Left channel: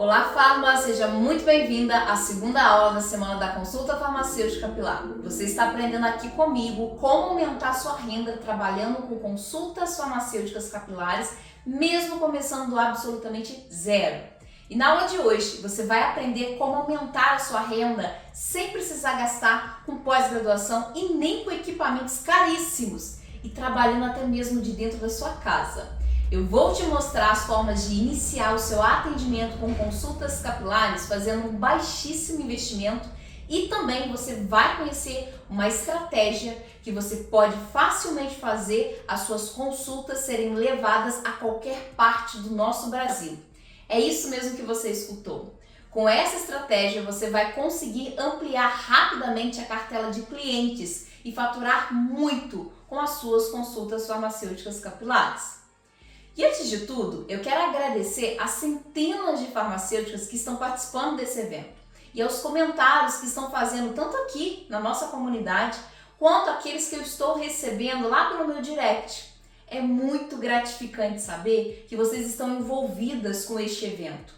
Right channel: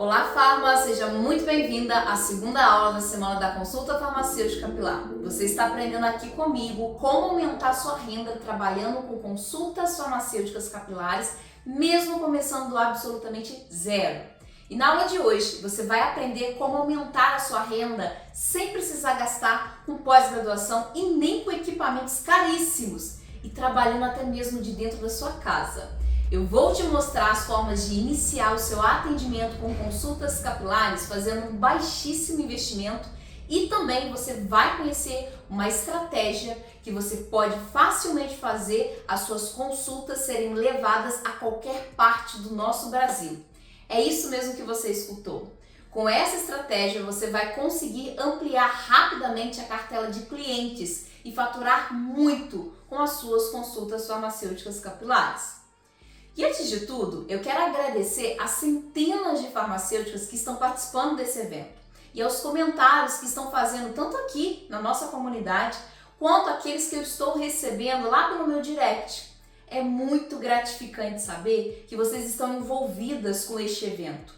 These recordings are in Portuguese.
Olá, Farma! Seja muito bem-vinda à segunda aula da semana da Consulta Farmacêutica Capilar. Você está aprendendo aqui comigo como aumentar sua renda trabalhando com consultas farmacêuticas capilares, mesmo começando do absolutamente zero. E na aula de hoje, você vai aprender como aumentar a sua renda sem precisar gastar com pós-graduação e nem com equipamentos caríssimos e trabalhando até mesmo de dentro da sua casa. Eu vou te mostrar as formas de iniciar o seu atendimento com consultas capilares fazendo um baixíssimo investimento e também você vai conhecer uma estratégia que você pode facilmente fazer as suas consultas serem levadas a qualquer parte do nosso Brasil. É isso mesmo que você escutou. Com essa estratégia você vai conseguir ampliar rapidamente a cartela de clientes e faturar muito com as suas consultas farmacêuticas capilares. E antes de tudo, eu quero agradecer às centenas de farmacêuticas que estão participando desse evento e aos comentários que estão fazendo tanto aqui na nossa comunidade quanto aqueles que eu estou recebendo lá pelo meu direct. É muito gratificante saber que vocês estão envolvidas com este evento.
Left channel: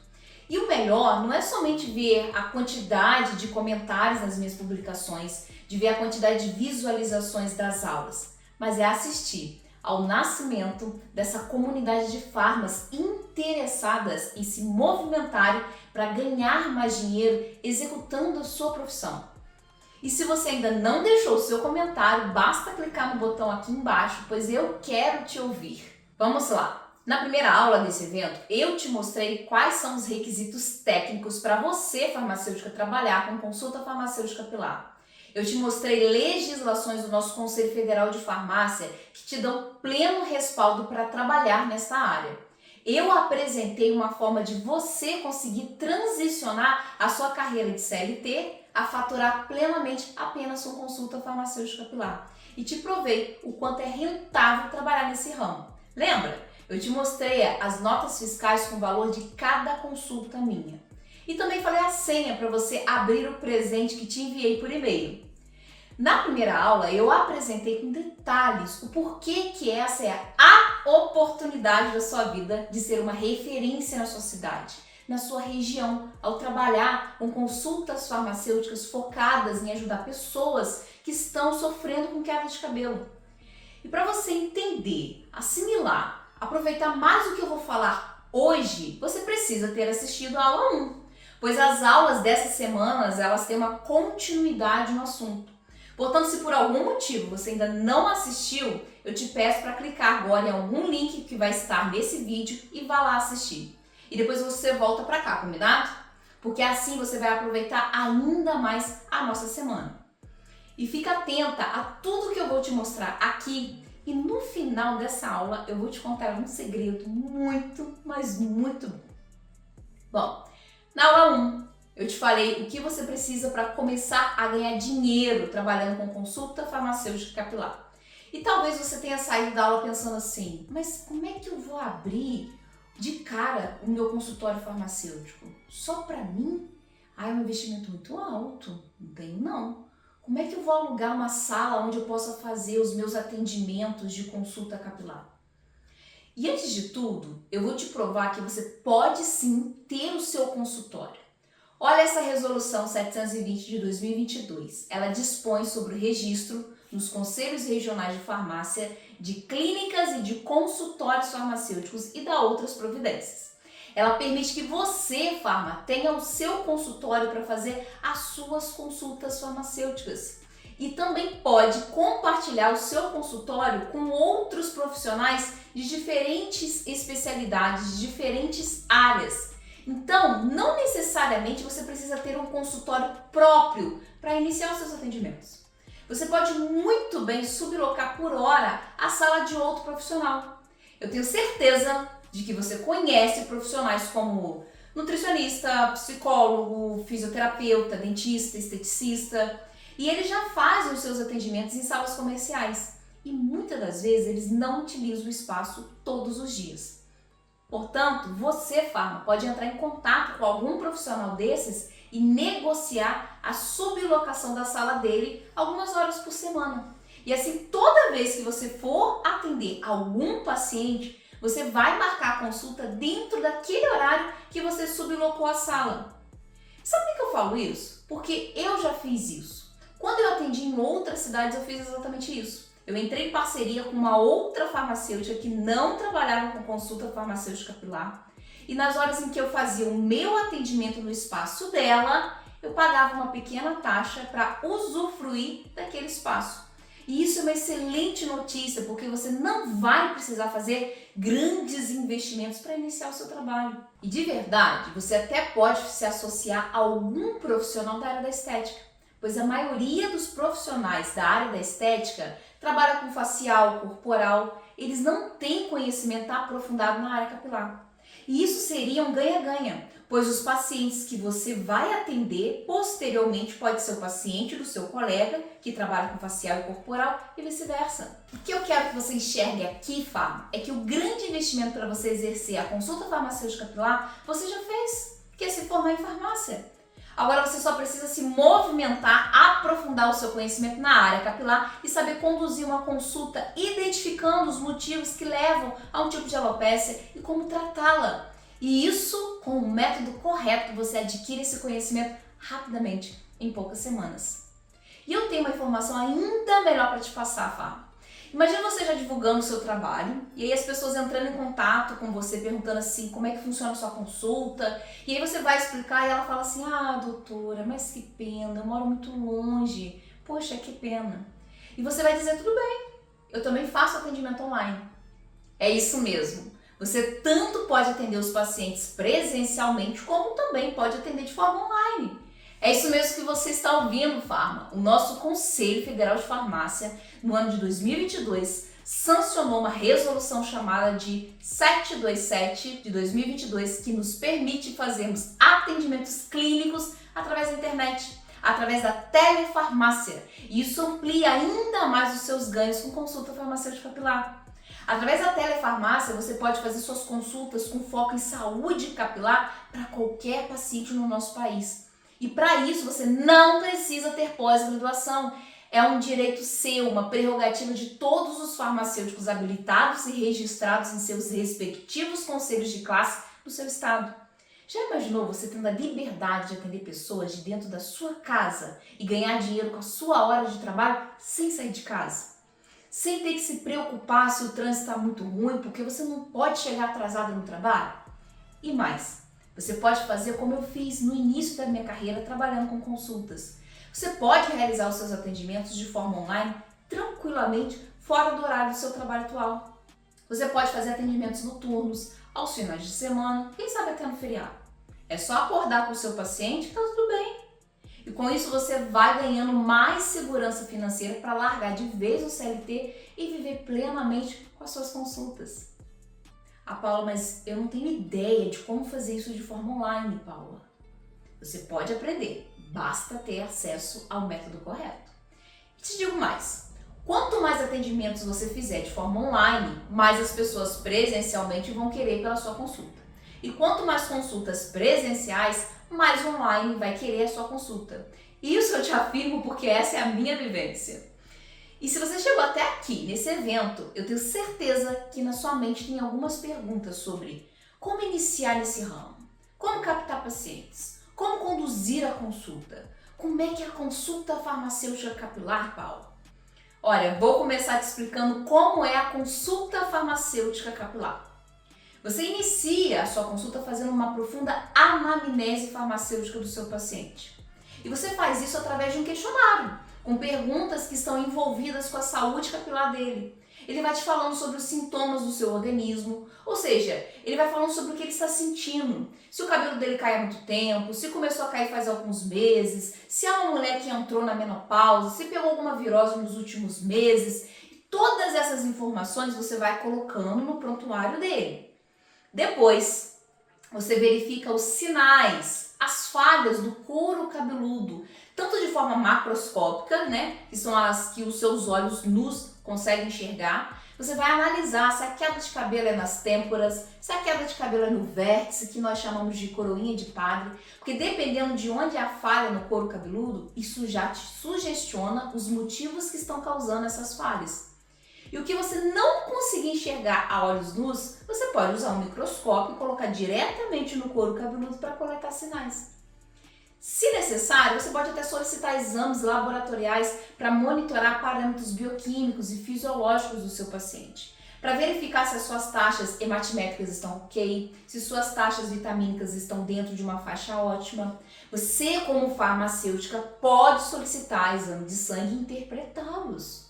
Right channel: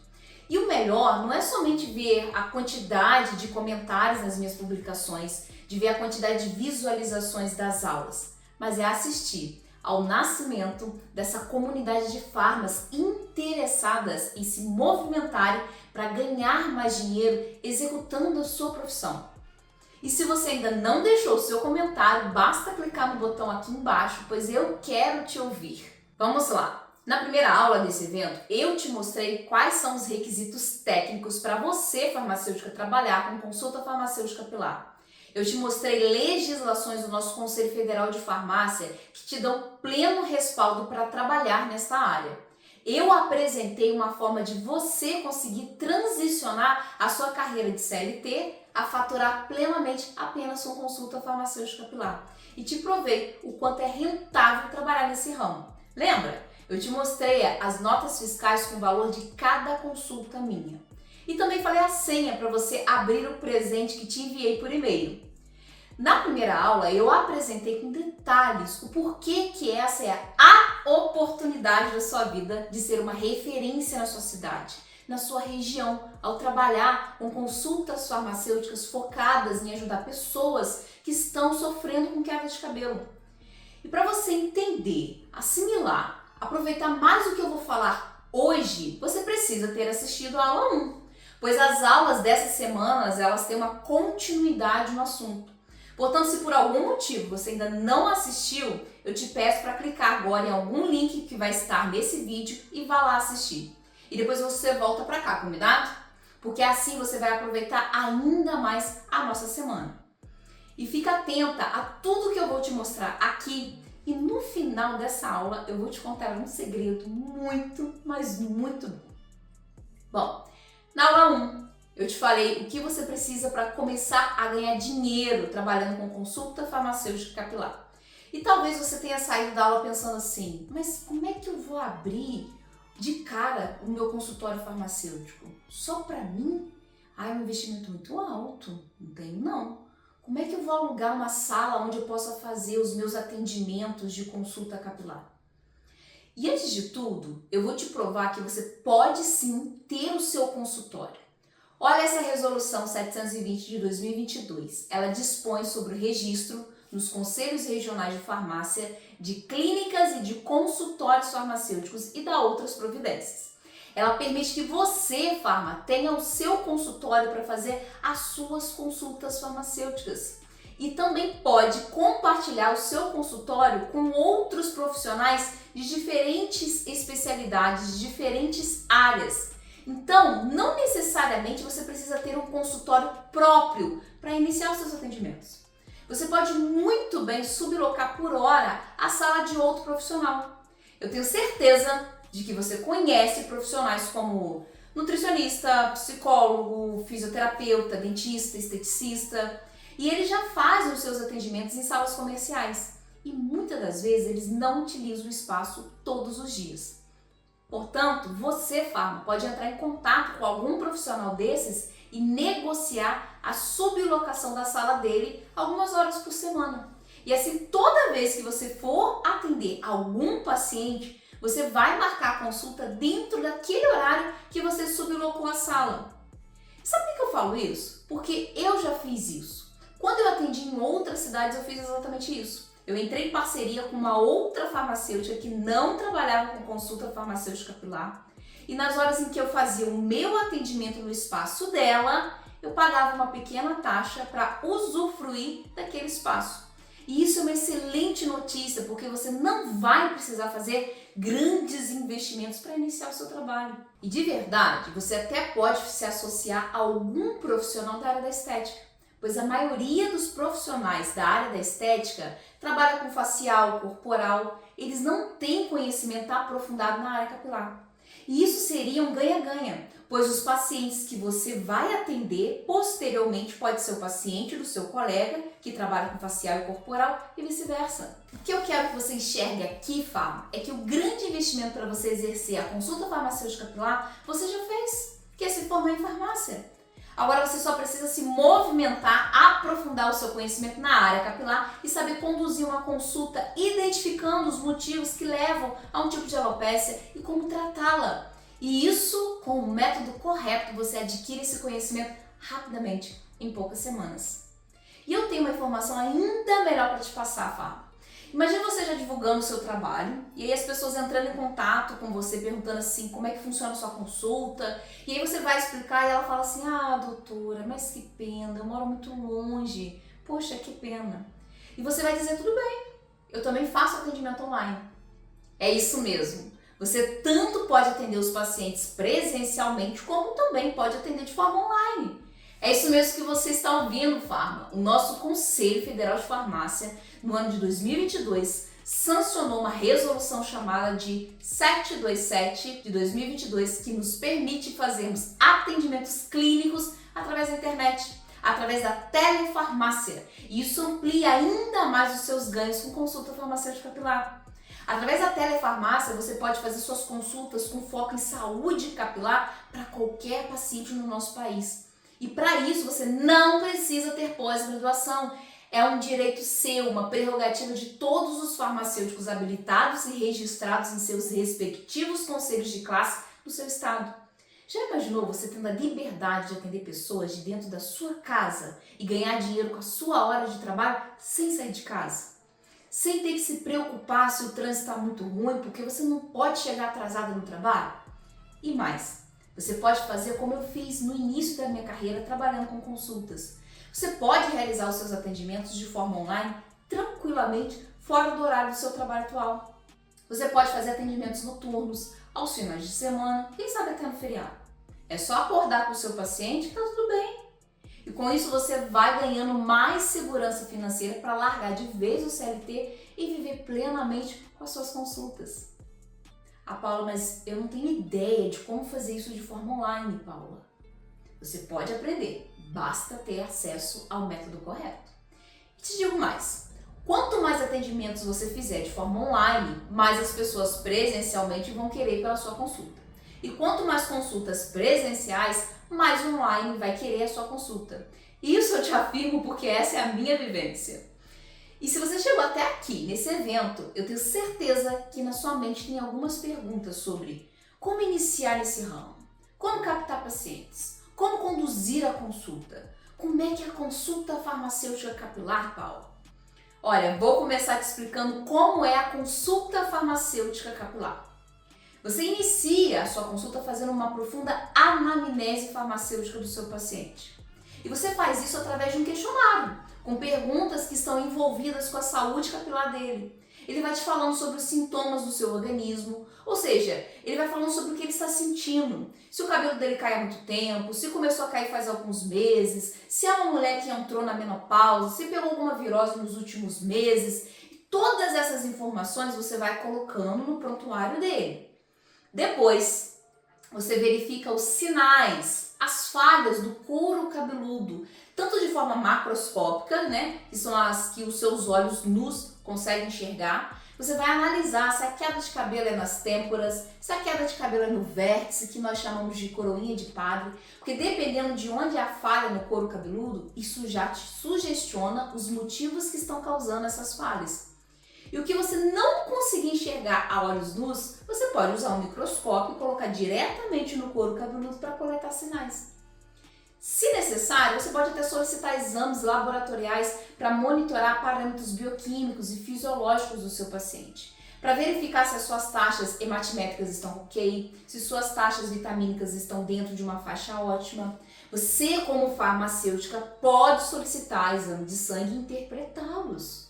E o melhor não é somente ver a quantidade de comentários nas minhas publicações, de ver a quantidade de visualizações das aulas, mas é assistir ao nascimento dessa comunidade de farmas interessadas em se movimentarem para ganhar mais dinheiro executando a sua profissão. E se você ainda não deixou o seu comentário, basta clicar no botão aqui embaixo, pois eu quero te ouvir. Vamos lá! Na primeira aula desse evento, eu te mostrei quais são os requisitos técnicos para você, farmacêutica, trabalhar com consulta farmacêutica capilar. Eu te mostrei legislações do nosso Conselho Federal de Farmácia que te dão pleno respaldo para trabalhar nesta área. Eu apresentei uma forma de você conseguir transicionar a sua carreira de CLT a faturar plenamente apenas com consulta farmacêutica capilar. E te provei o quanto é rentável trabalhar nesse ramo. Lembra? Eu te mostrei as notas fiscais com o valor de cada consulta minha. E também falei a senha para você abrir o presente que te enviei por e-mail. Na primeira aula, eu apresentei com detalhes o porquê que essa é a oportunidade da sua vida de ser uma referência na sua cidade, na sua região, ao trabalhar com consultas farmacêuticas focadas em ajudar pessoas que estão sofrendo com queda de cabelo. E para você entender, assimilar, aproveitar mais o que eu vou falar hoje, você precisa ter assistido a aula 1. Pois as aulas dessas semanas, elas têm uma continuidade no assunto. Portanto, se por algum motivo você ainda não assistiu, eu te peço para clicar agora em algum link que vai estar nesse vídeo e vá lá assistir. E depois você volta para cá, combinado? Porque assim você vai aproveitar ainda mais a nossa semana. E fica atenta a tudo que eu vou te mostrar aqui. E no final dessa aula, eu vou te contar um segredo muito, mas muito bom. Bom, na aula 1, eu te falei o que você precisa para começar a ganhar dinheiro trabalhando com consulta farmacêutica capilar. E talvez você tenha saído da aula pensando assim, mas como é que eu vou abrir de cara o meu consultório farmacêutico? Só para mim? Ah, é um investimento muito alto. Não tenho não. Como é que eu vou alugar uma sala onde eu possa fazer os meus atendimentos de consulta capilar? E antes de tudo, eu vou te provar que você pode sim ter o seu consultório. Olha essa resolução 720 de 2022. Ela dispõe sobre o registro nos conselhos regionais de farmácia de clínicas e de consultórios farmacêuticos e dá outras providências. Ela permite que você, farma, tenha o seu consultório para fazer as suas consultas farmacêuticas. E também pode compartilhar o seu consultório com outros profissionais de diferentes especialidades, de diferentes áreas. Então, não necessariamente você precisa ter um consultório próprio para iniciar os seus atendimentos. Você pode muito bem sublocar por hora a sala de outro profissional. Eu tenho certeza de que você conhece profissionais como nutricionista, psicólogo, fisioterapeuta, dentista, esteticista, e eles já fazem os seus atendimentos em salas comerciais. E muitas das vezes eles não utilizam o espaço todos os dias. Portanto, você, farma, pode entrar em contato com algum profissional desses e negociar a sublocação da sala dele algumas horas por semana. E assim, toda vez que você for atender algum paciente, você vai marcar a consulta dentro daquele horário que você sublocou a sala. Sabe por que eu falo isso? Porque eu já fiz isso. Quando eu atendi em outras cidades, eu fiz exatamente isso. Eu entrei em parceria com uma outra farmacêutica que não trabalhava com consulta farmacêutica capilar. E nas horas em que eu fazia o meu atendimento no espaço dela, eu pagava uma pequena taxa para usufruir daquele espaço. E isso é uma excelente notícia, porque você não vai precisar fazer grandes investimentos para iniciar o seu trabalho. E de verdade, você até pode se associar a algum profissional da área da estética, pois a maioria dos profissionais da área da estética trabalha com facial, corporal, eles não têm conhecimento aprofundado na área capilar. E isso seria um ganha-ganha, pois os pacientes que você vai atender posteriormente pode ser o paciente do seu colega que trabalha com facial e corporal e vice-versa. O que eu quero que você enxergue aqui, Farma, é que o grande investimento para você exercer a consulta farmacêutica capilar você já fez, que é se formar em farmácia. Agora você só precisa se movimentar, aprofundar o seu conhecimento na área capilar e saber conduzir uma consulta identificando os motivos que levam a um tipo de alopécia e como tratá-la. E isso, com o método correto, você adquire esse conhecimento rapidamente, em poucas semanas. E eu tenho uma informação ainda melhor para te passar, Fá. Imagina você já divulgando o seu trabalho e aí as pessoas entrando em contato com você, perguntando assim, como é que funciona a sua consulta? E aí você vai explicar e ela fala assim, doutora, mas que pena, eu moro muito longe, poxa, que pena. E você vai dizer, tudo bem, eu também faço atendimento online. É isso mesmo. Você tanto pode atender os pacientes presencialmente, como também pode atender de forma online. É isso mesmo que você está ouvindo, Farma. O nosso Conselho Federal de Farmácia, no ano de 2022, sancionou uma resolução chamada de 727 de 2022, que nos permite fazermos atendimentos clínicos através da internet, através da telefarmácia. E isso amplia ainda mais os seus ganhos com consulta farmacêutica capilar. Através da telefarmácia, você pode fazer suas consultas com foco em saúde capilar para qualquer paciente no nosso país. E para isso, você não precisa ter pós-graduação. É um direito seu, uma prerrogativa de todos os farmacêuticos habilitados e registrados em seus respectivos conselhos de classe do seu estado. Já imaginou você tendo a liberdade de atender pessoas de dentro da sua casa e ganhar dinheiro com a sua hora de trabalho sem sair de casa? Sem ter que se preocupar se o trânsito está muito ruim, porque você não pode chegar atrasada no trabalho? E mais, você pode fazer como eu fiz no início da minha carreira trabalhando com consultas. Você pode realizar os seus atendimentos de forma online tranquilamente fora do horário do seu trabalho atual. Você pode fazer atendimentos noturnos, aos finais de semana, quem sabe até no feriado. É só acordar com o seu paciente e está tudo bem. E com isso você vai ganhando mais segurança financeira para largar de vez o CLT e viver plenamente com as suas consultas. Paula, mas eu não tenho ideia de como fazer isso de forma online, Paula. Você pode aprender, basta ter acesso ao método correto. E te digo mais, quanto mais atendimentos você fizer de forma online, mais as pessoas presencialmente vão querer pela sua consulta. E quanto mais consultas presenciais, mais online vai querer a sua consulta. Isso eu te afirmo porque essa é a minha vivência. E se você chegou até aqui, nesse evento, eu tenho certeza que na sua mente tem algumas perguntas sobre como iniciar nesse ramo, como captar pacientes, como conduzir a consulta, como é que é a consulta farmacêutica capilar, Paulo? Olha, vou começar te explicando como é a consulta farmacêutica capilar. Você inicia a sua consulta fazendo uma profunda anamnese farmacêutica do seu paciente. E você faz isso através de um questionário, com perguntas que estão envolvidas com a saúde capilar dele. Ele vai te falando sobre os sintomas do seu organismo, ou seja, ele vai falando sobre o que ele está sentindo. Se o cabelo dele cai há muito tempo, se começou a cair faz alguns meses, se é uma mulher que entrou na menopausa, se pegou alguma virose nos últimos meses. Todas essas informações você vai colocando no prontuário dele. Depois, você verifica os sinais, as falhas do couro cabeludo, tanto de forma macroscópica, que são as que os seus olhos nus conseguem enxergar. Você vai analisar se a queda de cabelo é nas têmporas, se a queda de cabelo é no vértice, que nós chamamos de coroinha de padre, porque dependendo de onde é a falha no couro cabeludo, isso já te sugestiona os motivos que estão causando essas falhas. E o que você não conseguir enxergar a olhos nus, você pode usar um microscópio e colocar diretamente no couro cabeludo para coletar sinais. Se necessário, você pode até solicitar exames laboratoriais para monitorar parâmetros bioquímicos e fisiológicos do seu paciente, para verificar se as suas taxas hematimétricas estão ok, se suas taxas vitamínicas estão dentro de uma faixa ótima. Você, como farmacêutica, pode solicitar exame de sangue e interpretá-los.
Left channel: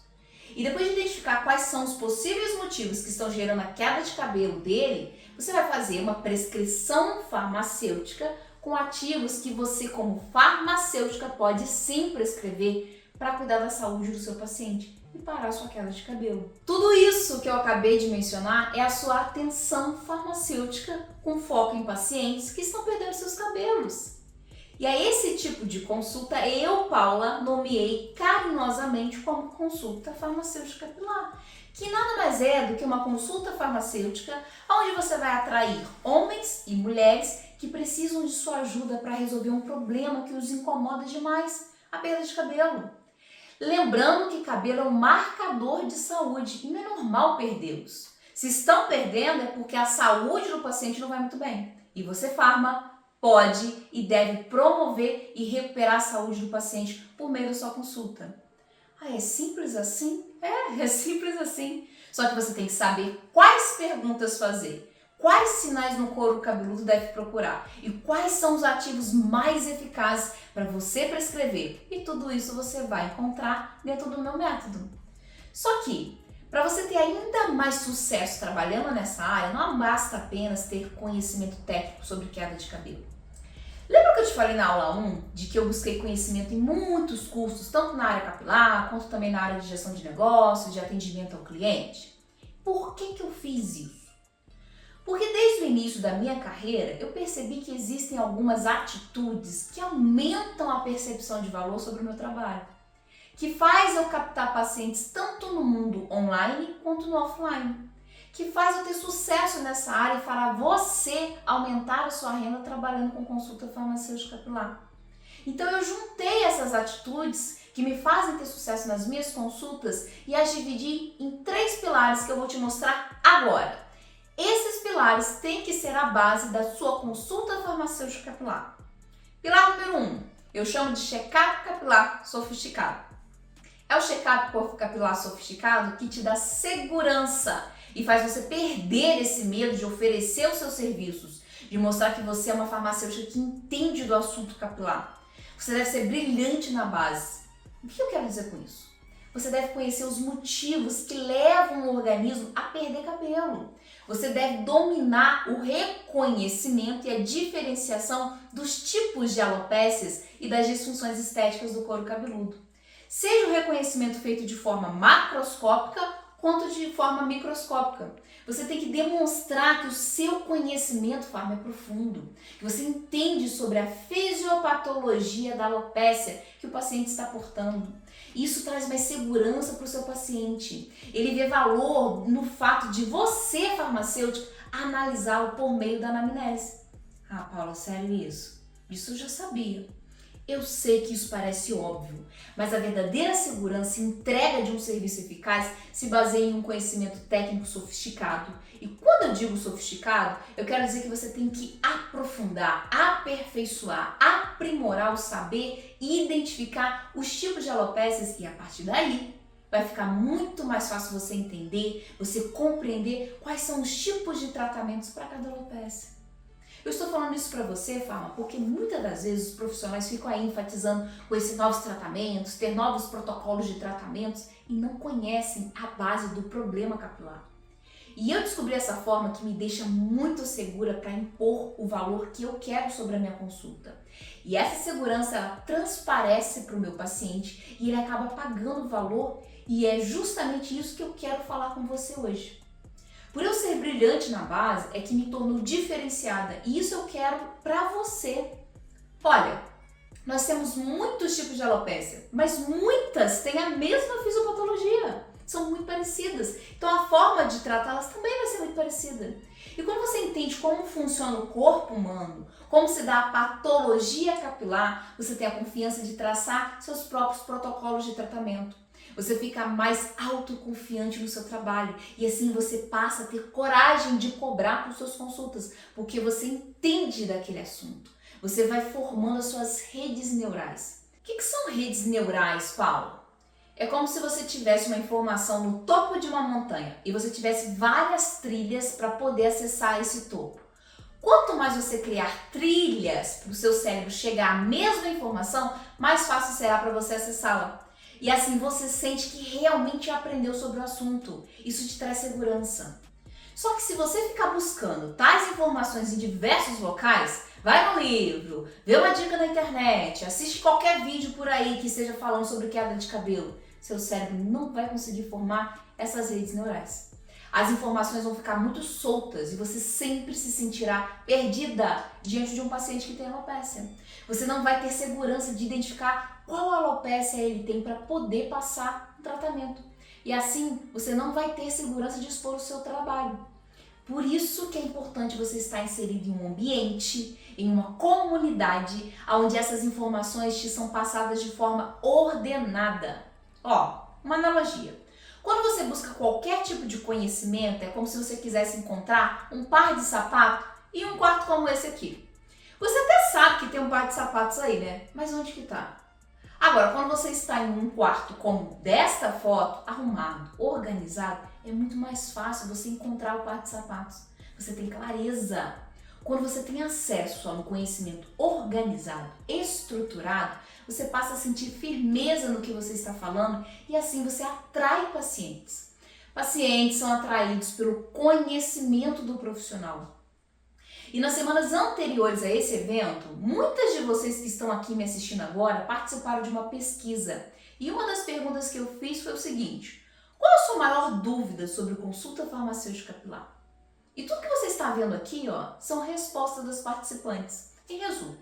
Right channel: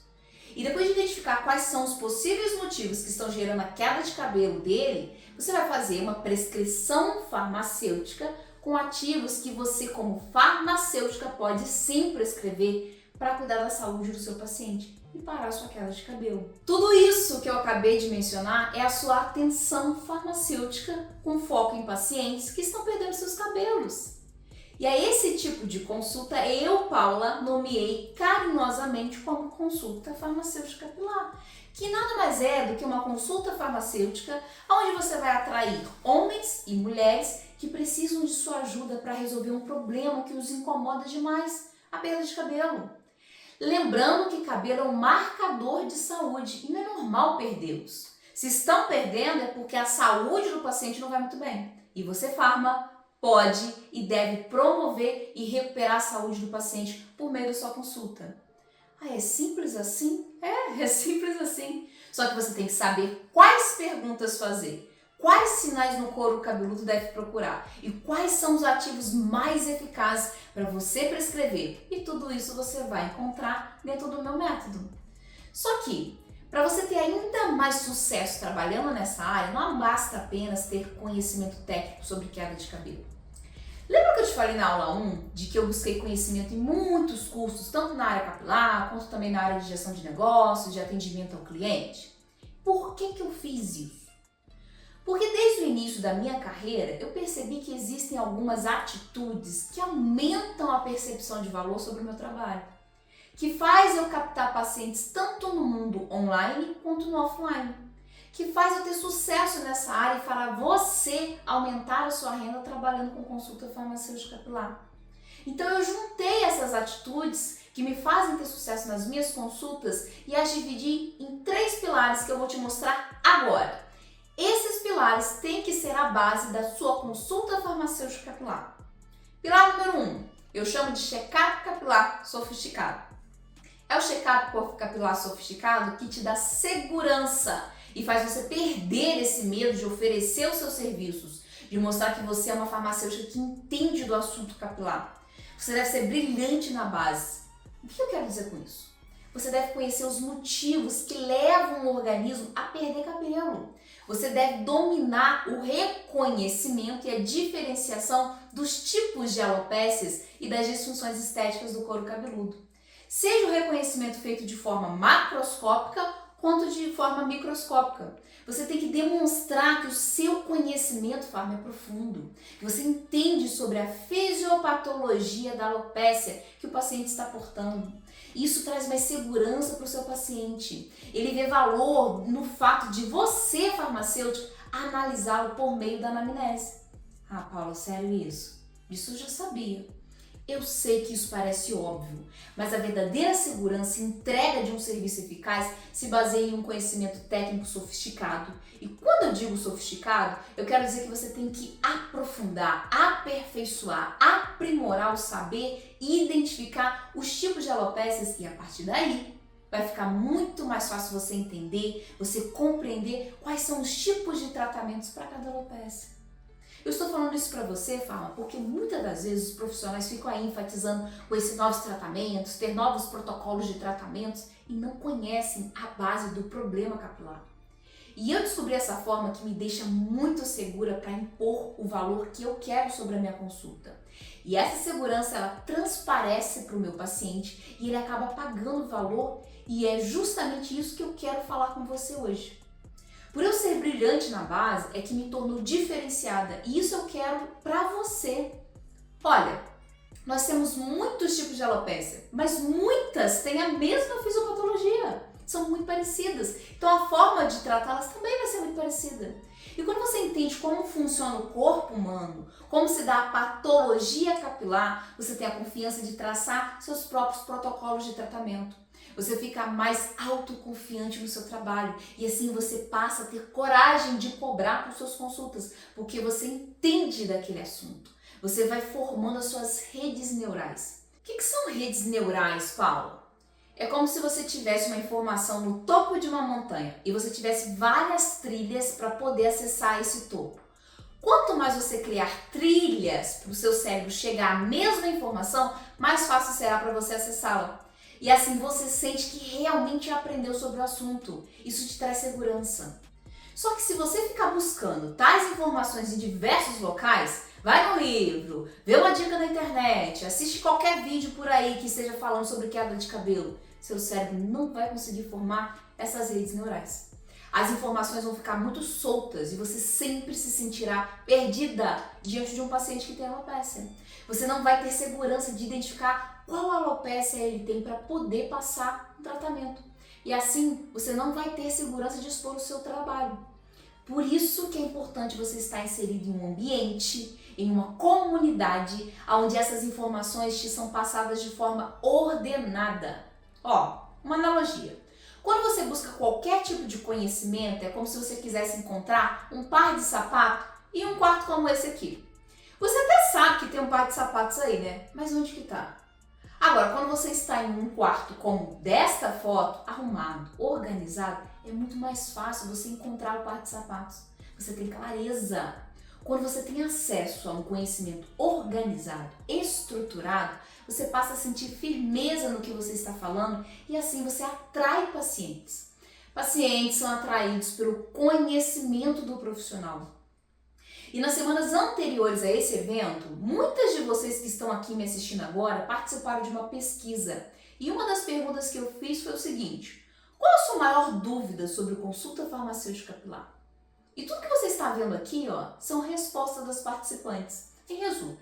E depois de identificar quais são os possíveis motivos que estão gerando a queda de cabelo dele, você vai fazer uma prescrição farmacêutica com ativos que você, como farmacêutica, pode sim prescrever para cuidar da saúde do seu paciente e parar a sua queda de cabelo. Tudo isso que eu acabei de mencionar é a sua atenção farmacêutica com foco em pacientes que estão perdendo seus cabelos. E a esse tipo de consulta eu, Paula, nomeei carinhosamente como consulta farmacêutica capilar, que nada mais é do que uma consulta farmacêutica onde você vai atrair homens e mulheres que precisam de sua ajuda para resolver um problema que os incomoda demais, a perda de cabelo. Lembrando que cabelo é um marcador de saúde e não é normal perdê-los. Se estão perdendo é porque a saúde do paciente não vai muito bem. E você, farma, pode e deve promover e recuperar a saúde do paciente por meio da sua consulta. Ah, é simples assim? É simples assim. Só que você tem que saber quais perguntas fazer, quais sinais no couro cabeludo deve procurar e quais são os ativos mais eficazes para você prescrever. E tudo isso você vai encontrar dentro do meu método. Só que, para você ter ainda mais sucesso trabalhando nessa área, não basta apenas ter conhecimento técnico sobre queda de cabelo. Lembra que eu te falei na aula 1 de que eu busquei conhecimento em muitos cursos, tanto na área capilar, quanto também na área de gestão de negócios, de atendimento ao cliente? Por que eu fiz isso? Porque desde o início da minha carreira, eu percebi que existem algumas atitudes que aumentam a percepção de valor sobre o meu trabalho, que faz eu captar pacientes tanto no mundo online quanto no offline, que faz eu ter sucesso nessa área e fará você aumentar a sua renda trabalhando com consulta farmacêutica capilar. Então eu juntei essas atitudes que me fazem ter sucesso nas minhas consultas e as dividi em 3 pilares que eu vou te mostrar agora. Esses pilares têm que ser a base da sua consulta farmacêutica capilar. Pilar número 1, eu chamo de check-up capilar sofisticado. É o check-up capilar sofisticado que te dá segurança e faz você perder esse medo de oferecer os seus serviços, de mostrar que você é uma farmacêutica que entende do assunto capilar. Você deve ser brilhante na base. O que eu quero dizer com isso? Você deve conhecer os motivos que levam o organismo a perder cabelo. Você deve dominar o reconhecimento e a diferenciação dos tipos de alopécias e das disfunções estéticas do couro cabeludo. Seja o reconhecimento feito de forma macroscópica quanto de forma microscópica. Você tem que demonstrar que o seu conhecimento, farma, é profundo, que você entende sobre a fisiopatologia da alopécia que o paciente está portando. Isso traz mais segurança para o seu paciente. Ele vê valor no fato de você, farmacêutico, analisá-lo por meio da anamnese. Ah, Paula, sério isso? Isso eu já sabia. Eu sei que isso parece óbvio, mas a verdadeira segurança e entrega de um serviço eficaz se baseia em um conhecimento técnico sofisticado. E quando eu digo sofisticado, eu quero dizer que você tem que aprofundar, aperfeiçoar, aprimorar o saber e identificar os tipos de alopécias e a partir daí vai ficar muito mais fácil você entender, você compreender quais são os tipos de tratamentos para cada alopécia. Eu estou falando isso para você, Farma, porque muitas das vezes os profissionais ficam aí enfatizando com esses novos tratamentos, ter novos protocolos de tratamentos e não conhecem a base do problema capilar. E eu descobri essa forma que me deixa muito segura para impor o valor que eu quero sobre a minha consulta. E essa segurança, ela transparece para o meu paciente e ele acaba pagando o valor e é justamente isso que eu quero falar com você hoje. Por eu ser brilhante na base, é que me tornou diferenciada e isso eu quero pra você. Olha, nós temos muitos tipos de alopécia, mas muitas têm a mesma fisiopatologia, são muito parecidas. Então a forma de tratá-las também vai ser muito parecida. E quando você entende como funciona o corpo humano, como se dá a patologia capilar, você tem a confiança de traçar seus próprios protocolos de tratamento. Você fica mais autoconfiante no seu trabalho e assim você passa a ter coragem de cobrar por suas consultas, porque você entende daquele assunto. Você vai formando as suas redes neurais. O que são redes neurais, Paulo? É como se você tivesse uma informação no topo de uma montanha e você tivesse várias trilhas para poder acessar esse topo. Quanto mais você criar trilhas para o seu cérebro chegar à mesma informação, mais fácil será para você acessá-la. E assim você sente que realmente aprendeu sobre o assunto. Isso te traz segurança. Só que se você ficar buscando tais informações em diversos locais, vai no livro, vê uma dica na internet, assiste qualquer vídeo por aí que esteja falando sobre queda de cabelo, seu cérebro não vai conseguir formar essas redes neurais. As informações vão ficar muito soltas e você sempre se sentirá perdida diante de um paciente que tem alopécia. Você não vai ter segurança de identificar qual alopécia ele tem para poder passar o tratamento. E assim, você não vai ter segurança de expor o seu trabalho. Por isso que é importante você estar inserido em um ambiente, em uma comunidade, onde essas informações te são passadas de forma ordenada. Uma analogia. Quando você busca qualquer tipo de conhecimento, é como se você quisesse encontrar um par de sapatos e um quarto como esse aqui. Você até sabe que tem um par de sapatos aí, né? Mas onde que tá? Agora, quando você está em um quarto como desta foto, arrumado, organizado, é muito mais fácil você encontrar o par de sapatos. Você tem clareza. Quando você tem acesso a um conhecimento organizado, estruturado, você passa a sentir firmeza no que você está falando e assim você atrai pacientes. Pacientes são atraídos pelo conhecimento do profissional. E nas semanas anteriores a esse evento, muitas de vocês que estão aqui me assistindo agora participaram de uma pesquisa. E uma das perguntas que eu fiz foi o seguinte: qual a sua maior dúvida sobre consulta farmacêutica capilar? E tudo que você está vendo aqui, são respostas das participantes. Em resumo,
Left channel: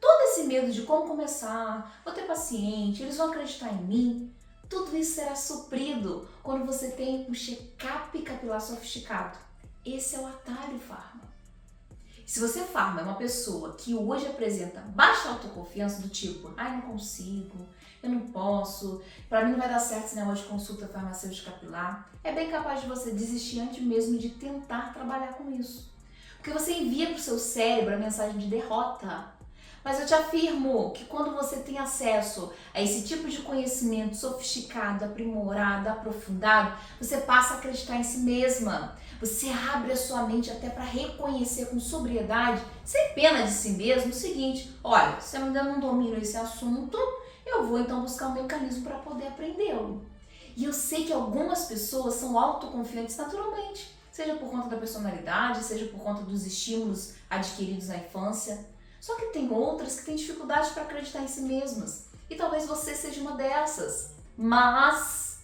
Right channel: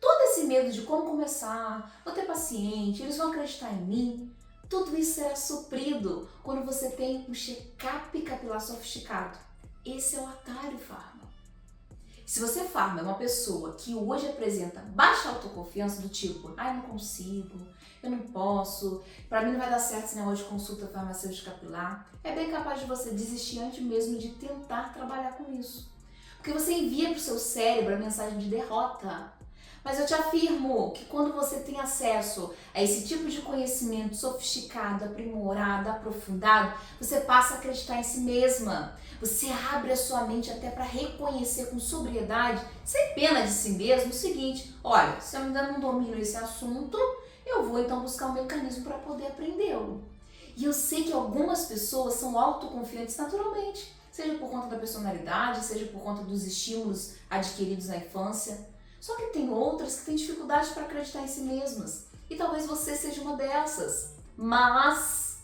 todo esse medo de como começar, vou ter paciente, eles vão acreditar em mim, tudo isso será suprido quando você tem um check-up capilar sofisticado. Esse é o atalho Pharma. Se você, Pharma, é uma pessoa que hoje apresenta baixa autoconfiança do tipo, não consigo, eu não posso, pra mim não vai dar certo esse negócio de consulta farmacêutica capilar, é bem capaz de você desistir antes mesmo de tentar trabalhar com isso. Porque você envia pro seu cérebro a mensagem de derrota. Mas eu te afirmo que quando você tem acesso a esse tipo de conhecimento sofisticado, aprimorado, aprofundado, você passa a acreditar em si mesma. Você abre a sua mente até para reconhecer com sobriedade, sem pena de si mesmo, o seguinte: olha, se eu ainda não domino esse assunto, eu vou então buscar um mecanismo para poder aprendê-lo. E eu sei que algumas pessoas são autoconfiantes naturalmente, seja por conta da personalidade, seja por conta dos estímulos adquiridos na infância. Só que tem outras que têm dificuldade para acreditar em si mesmas. E talvez você seja uma dessas. Mas,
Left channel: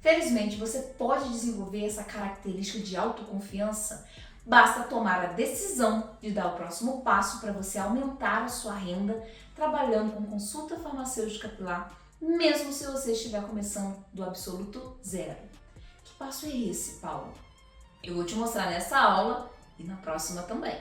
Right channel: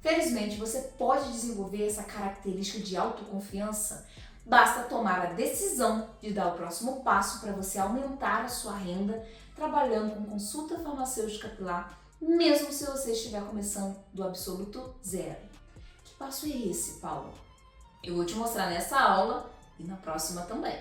felizmente, você pode desenvolver essa característica de autoconfiança. Basta tomar a decisão de dar o próximo passo para você aumentar a sua renda trabalhando com consulta farmacêutica capilar, mesmo se você estiver começando do absoluto zero. Que passo é esse, Paulo? Eu vou te mostrar nessa aula e na próxima também.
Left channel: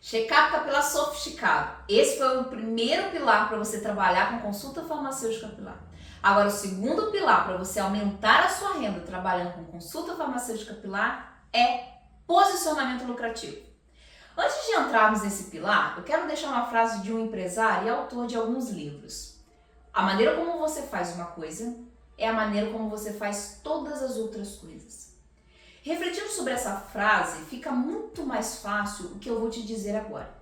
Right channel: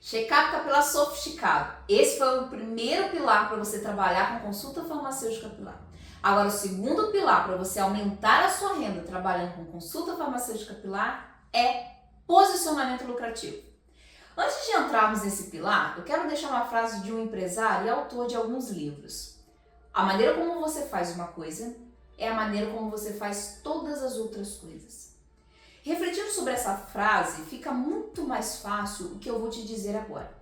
Check-up capilar sofisticado. Esse foi o primeiro pilar para você trabalhar com consulta farmacêutica capilar. Agora, o segundo pilar para você aumentar a sua renda trabalhando com consulta farmacêutica capilar é posicionamento lucrativo. Antes de entrarmos nesse pilar, eu quero deixar uma frase de um empresário e autor de alguns livros. A maneira como você faz uma coisa é a maneira como você faz todas as outras coisas. Refletindo sobre essa frase, fica muito mais fácil o que eu vou te dizer agora.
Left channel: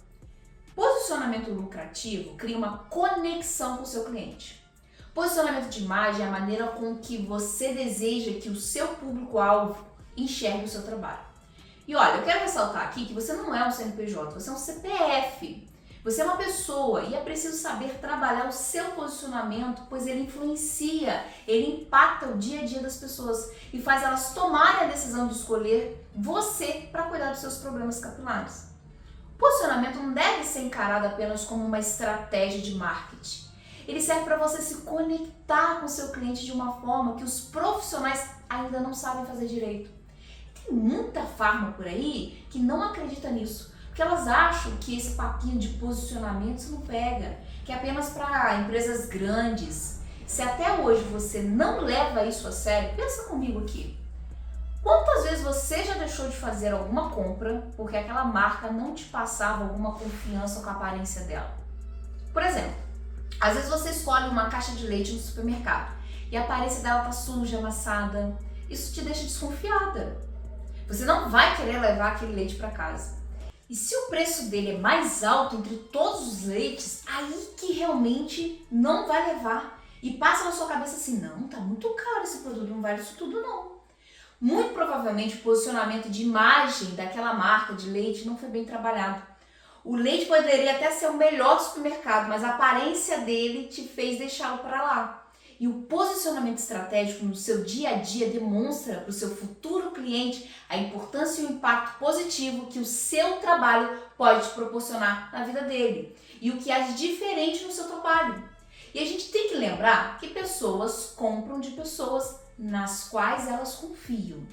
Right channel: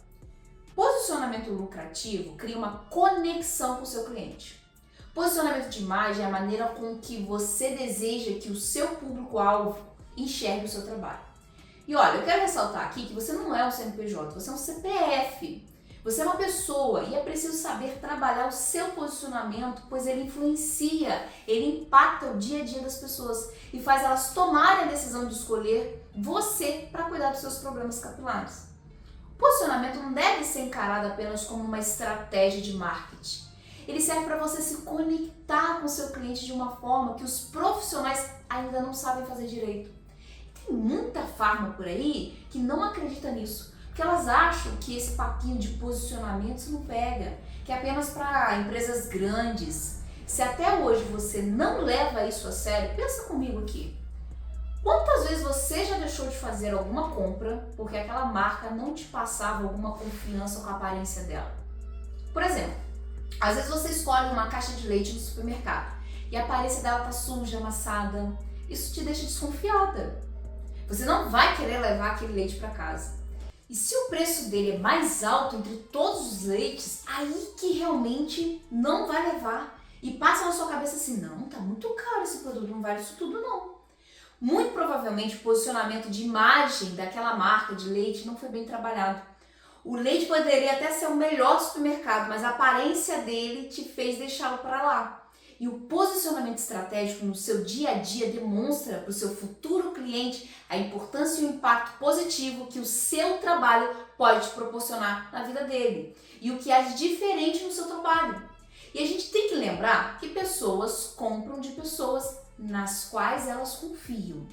Posicionamento lucrativo cria uma conexão com o seu cliente. Posicionamento de imagem é a maneira com que você deseja que o seu público-alvo enxergue o seu trabalho. E olha, eu quero ressaltar aqui que você não é um CNPJ, você é um CPF. Você é uma pessoa e é preciso saber trabalhar o seu posicionamento, pois ele influencia, ele impacta o dia a dia das pessoas e faz elas tomarem a decisão de escolher você para cuidar dos seus problemas capilares. O posicionamento não deve ser encarado apenas como uma estratégia de marketing. Ele serve para você se conectar com o seu cliente de uma forma que os profissionais ainda não sabem fazer direito. Tem muita farma por aí que não acredita nisso. Porque elas acham que esse papinho de posicionamento não pega, que é apenas para empresas grandes. Se até hoje você não leva isso a sério, pensa comigo aqui. Quantas vezes você já deixou de fazer alguma compra porque aquela marca não te passava alguma confiança com a aparência dela? Por exemplo, às vezes você escolhe uma caixa de leite no supermercado e a aparência dela tá suja, amassada. Isso te deixa desconfiada. Você não vai querer levar aquele leite para casa. E se o preço dele é mais alto entre todos os leites, aí que realmente não vai levar. E passa na sua cabeça assim, não, tá muito caro esse produto, não vale isso tudo não. Muito provavelmente o posicionamento de imagem daquela marca de leite não foi bem trabalhado. O leite poderia até ser o melhor do supermercado, mas a aparência dele te fez deixá-lo para lá. E o posicionamento estratégico no seu dia a dia demonstra para o seu futuro cliente a importância e o impacto positivo que o seu trabalho pode proporcionar na vida dele e o que é diferente no seu trabalho. E a gente tem que lembrar que pessoas compram de pessoas nas quais elas confiam.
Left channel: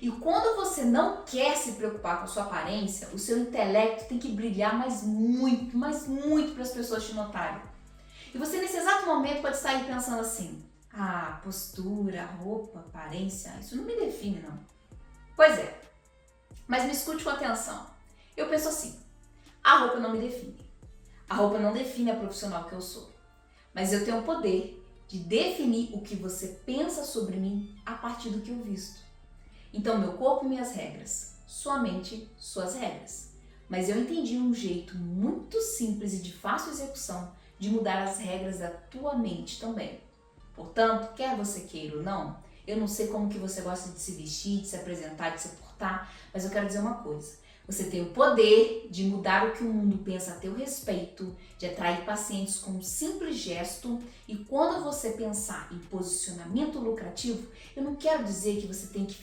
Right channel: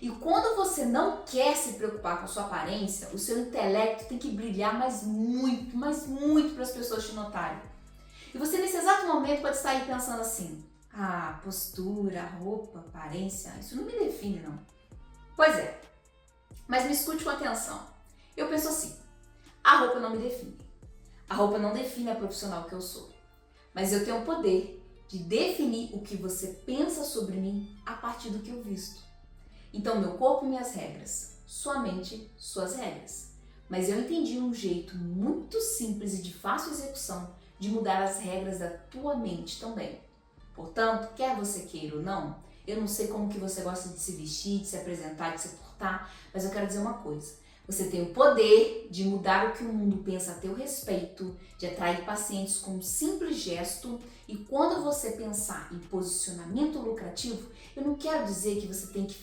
E quando você não quer se preocupar com a sua aparência, o seu intelecto tem que brilhar mas muito para as pessoas te notarem. E você nesse exato momento pode estar aí pensando assim, postura, roupa, aparência, isso não me define não. Pois é, mas me escute com atenção. Eu penso assim, a roupa não me define. A roupa não define a profissional que eu sou. Mas eu tenho o poder de definir o que você pensa sobre mim a partir do que eu visto. Então, meu corpo, minhas regras, sua mente, suas regras. Mas eu entendi um jeito muito simples e de fácil execução de mudar as regras da tua mente também. Portanto, quer você queira ou não, eu não sei como que você gosta de se vestir, de se apresentar, de se portar, mas eu quero dizer uma coisa. Você tem o poder de mudar o que o mundo pensa a teu respeito, de atrair pacientes com um simples gesto. E quando você pensar em posicionamento lucrativo, eu não quero dizer que você tem que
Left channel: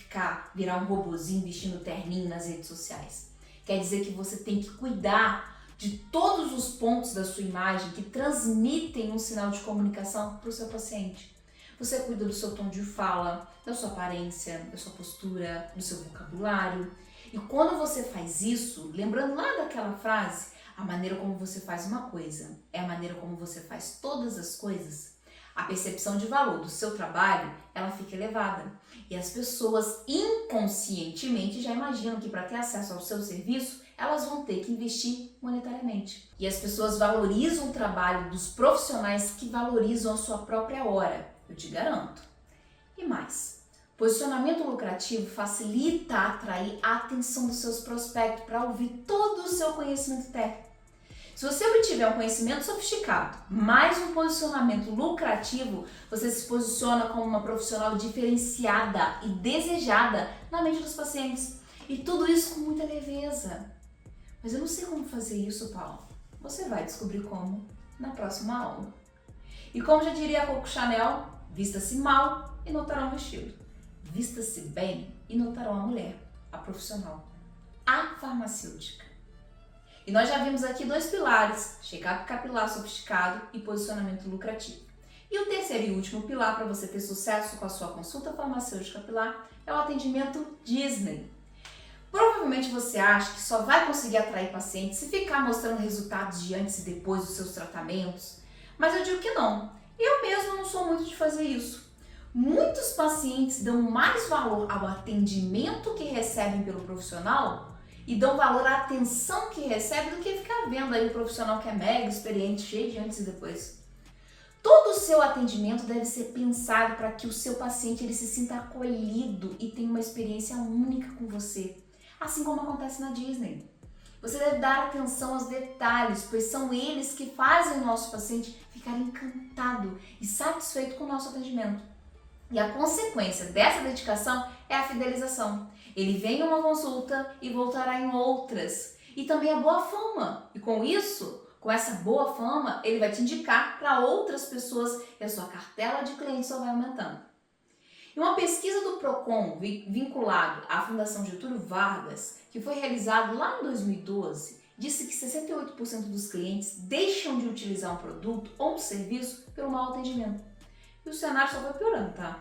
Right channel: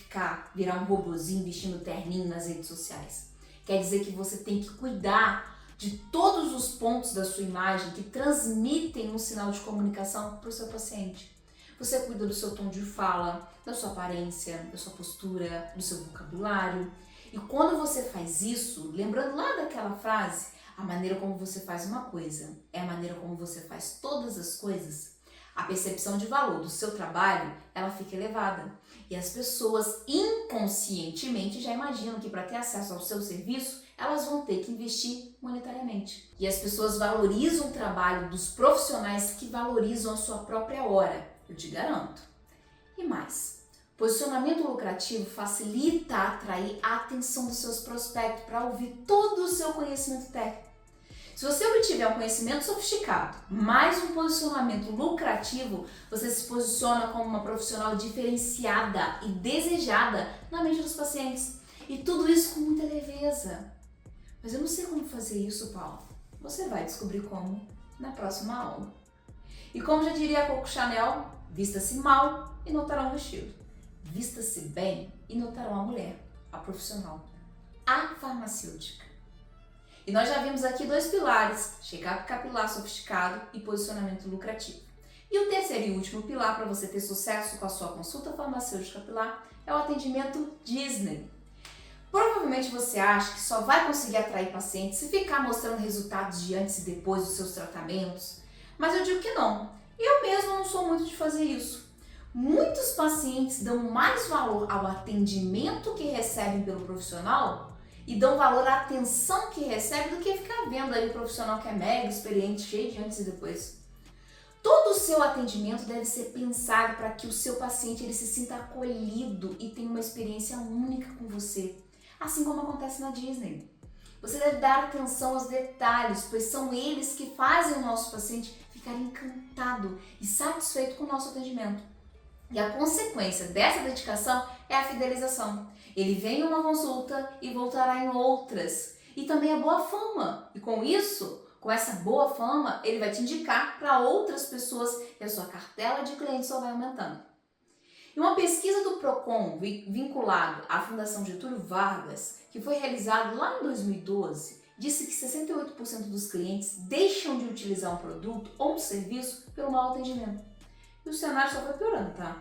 virar um robozinho vestindo terninho nas redes sociais. Quer dizer que você tem que cuidar de todos os pontos da sua imagem que transmitem um sinal de comunicação para o seu paciente. Você cuida do seu tom de fala, da sua aparência, da sua postura, do seu vocabulário. E quando você faz isso, lembrando lá daquela frase, a maneira como você faz uma coisa é a maneira como você faz todas as coisas, a percepção de valor do seu trabalho, ela fica elevada. E as pessoas inconscientemente já imaginam que para ter acesso ao seu serviço, elas vão ter que investir monetariamente. E as pessoas valorizam o trabalho dos profissionais que valorizam a sua própria hora, eu te garanto. E mais, posicionamento lucrativo facilita atrair a atenção dos seus prospectos para ouvir todo o seu conhecimento técnico. Se você obtiver um conhecimento sofisticado, mais um posicionamento lucrativo, você se posiciona como uma profissional diferenciada e desejada na mente dos pacientes. E tudo isso com muita leveza. Mas eu não sei como fazer isso, Paulo. Você vai descobrir como na próxima aula. E como já diria a Coco Chanel, vista-se mal e notarão o vestido. Vista-se bem e notarão a mulher, a profissional, a farmacêutica. E nós já vimos aqui dois pilares, check-up capilar sofisticado e posicionamento lucrativo. E o terceiro e último pilar para você ter sucesso com a sua consulta farmacêutica capilar é o atendimento Disney. Provavelmente você acha que só vai conseguir atrair pacientes se ficar mostrando resultados de antes e depois dos seus tratamentos, mas eu digo que não. Eu mesmo não sou muito de fazer isso. Muitos pacientes dão mais valor ao atendimento que recebem pelo profissional e dão valor à atenção que recebe do que ficar vendo aí o profissional que é mega experiente, cheio de antes e depois. Todo o seu atendimento deve ser pensado para que o seu paciente ele se sinta acolhido e tenha uma experiência única com você, assim como acontece na Disney. Você deve dar atenção aos detalhes, pois são eles que fazem o nosso paciente ficar encantado e satisfeito com o nosso atendimento. E a consequência dessa dedicação é a fidelização. Ele vem em uma consulta e voltará em outras. E também a boa fama. E com isso, com essa boa fama, ele vai te indicar para outras pessoas e a sua cartela de clientes só vai aumentando. E uma pesquisa do Procon vinculado à Fundação Getúlio Vargas, que foi realizada lá em 2012, disse que 68% dos clientes deixam de utilizar um produto ou um serviço pelo mau atendimento. E o cenário só foi piorando, tá?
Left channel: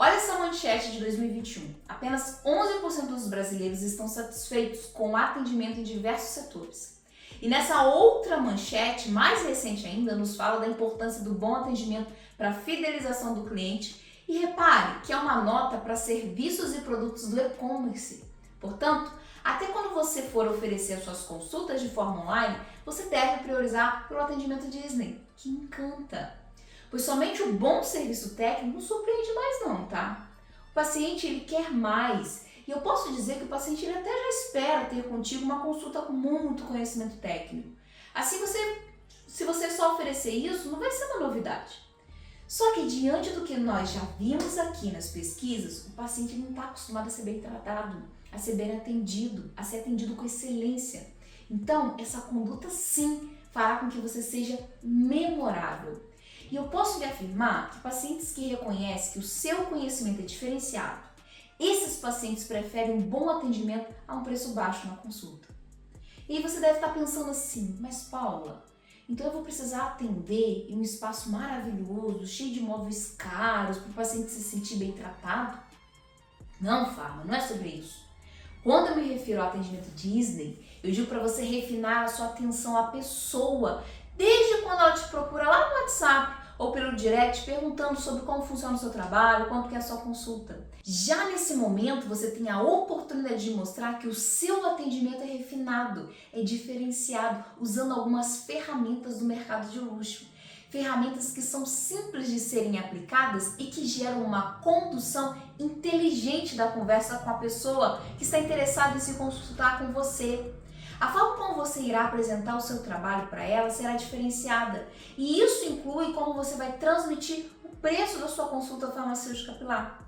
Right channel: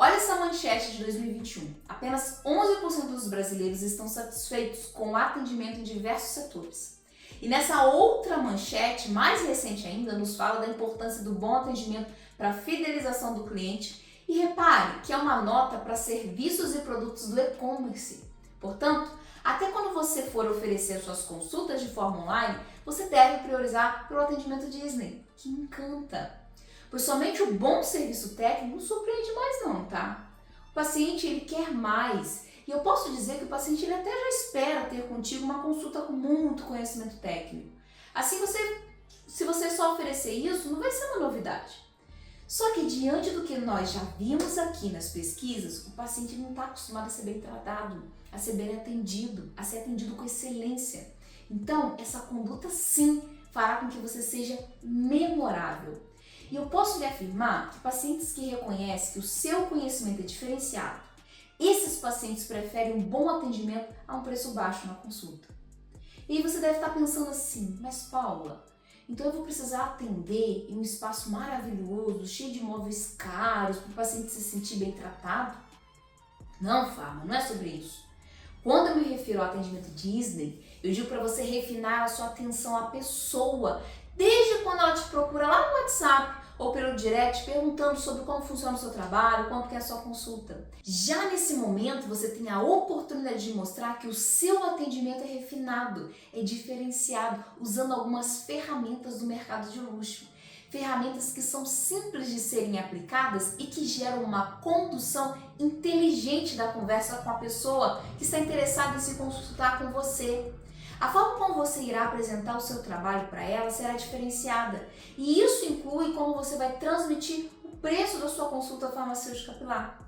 Olha essa manchete de 2021. Apenas 11% dos brasileiros estão satisfeitos com o atendimento em diversos setores. E nessa outra manchete, mais recente ainda, nos fala da importância do bom atendimento para a fidelização do cliente. E repare que é uma nota para serviços e produtos do e-commerce. Portanto, até quando você for oferecer suas consultas de forma online, você deve priorizar pelo atendimento Disney, que encanta. Pois somente o bom serviço técnico não surpreende mais não, tá? O paciente ele quer mais. E eu posso dizer que o paciente ele até já espera ter contigo uma consulta com muito conhecimento técnico. Assim, se você só oferecer isso, não vai ser uma novidade. Só que diante do que nós já vimos aqui nas pesquisas, o paciente não está acostumado a ser bem tratado, a ser bem atendido, a ser atendido com excelência. Então, essa conduta sim fará com que você seja memorável. E eu posso lhe afirmar que pacientes que reconhecem que o seu conhecimento é diferenciado, esses pacientes preferem um bom atendimento a um preço baixo na consulta. E aí você deve estar pensando assim, mas Paula, então eu vou precisar atender em um espaço maravilhoso, cheio de móveis caros, para o paciente se sentir bem tratado? Não, Farma, não é sobre isso. Quando eu me refiro ao atendimento Disney, eu digo para você refinar a sua atenção à pessoa, desde quando ela te procura lá no WhatsApp ou pelo direct perguntando sobre como funciona o seu trabalho, quanto que é a sua consulta. Já nesse momento, você tem a oportunidade de mostrar que o seu atendimento é refinado, é diferenciado, usando algumas ferramentas do mercado de luxo. Ferramentas que são simples de serem aplicadas e que geram uma condução inteligente da conversa com a pessoa que está interessada em se consultar com você. A forma como você irá apresentar o seu trabalho para ela será diferenciada e isso inclui como você vai transmitir o preço da sua consulta farmacêutica capilar.